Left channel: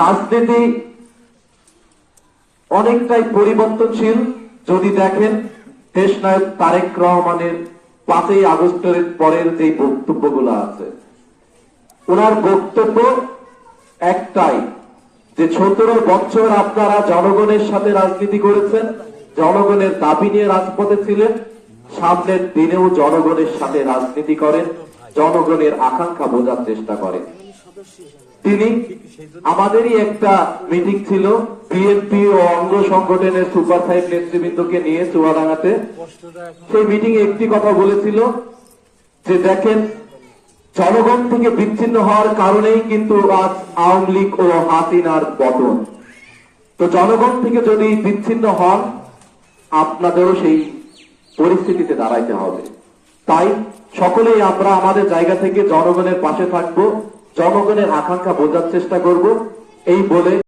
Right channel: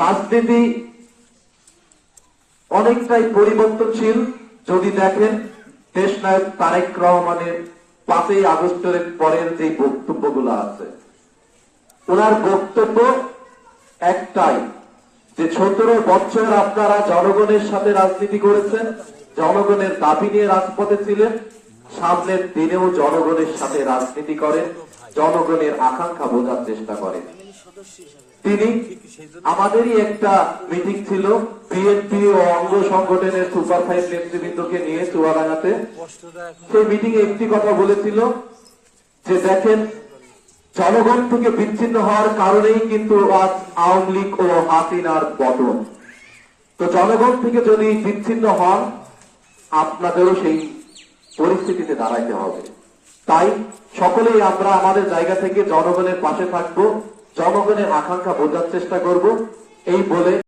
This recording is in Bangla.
রাজনীতি অনেকটাই পরিবর্তনশীল। যদি দেখেন দেশনায়ক তারেক রহমানের 5ই আগস্টের পরের যে বক্তব্যগুলো আছে, ওনার বক্তব্য একটাই যে 17 বছর আপনারা জনগণের সাথে রাজনীতি করেছেন, জনগণের দাবি নিয়ে রাজপথে ছিলেন, সামনের দিনেও জনগণের সাথে রাজনীতি করেন, জনগণের আকাঙ্ক্ষা বোঝার চেষ্টা করেন। তিনি আমাদেরই একটা মিটিং ছিল বিএনপি ও অঙ্গ সংগঠনের সুপার 5 নেতৃবৃন্দকে নিয়ে চুয়াডাঙ্গাতে। সেই মিটিং এ একটি কথা বলেছিল যে দেখেন, জনগণ থেকে বিচ্ছিন্ন হওয়ার কারণেই কিন্তু আজ আওয়ামী লীগ ও হাসিনার পতন। তো জনগণ থেকে যদি বিচ্ছিন্ন হন, আপনাদেরও সেই পরিস্থিতিতে দাঁড়াইতে হবে। তাই সকলেই আমরা আমাদের জায়গা থেকে জনগণের পাশে থাকবো, জনগণের আকাঙ্ক্ষা বোঝার চেষ্টা করব, এই বলে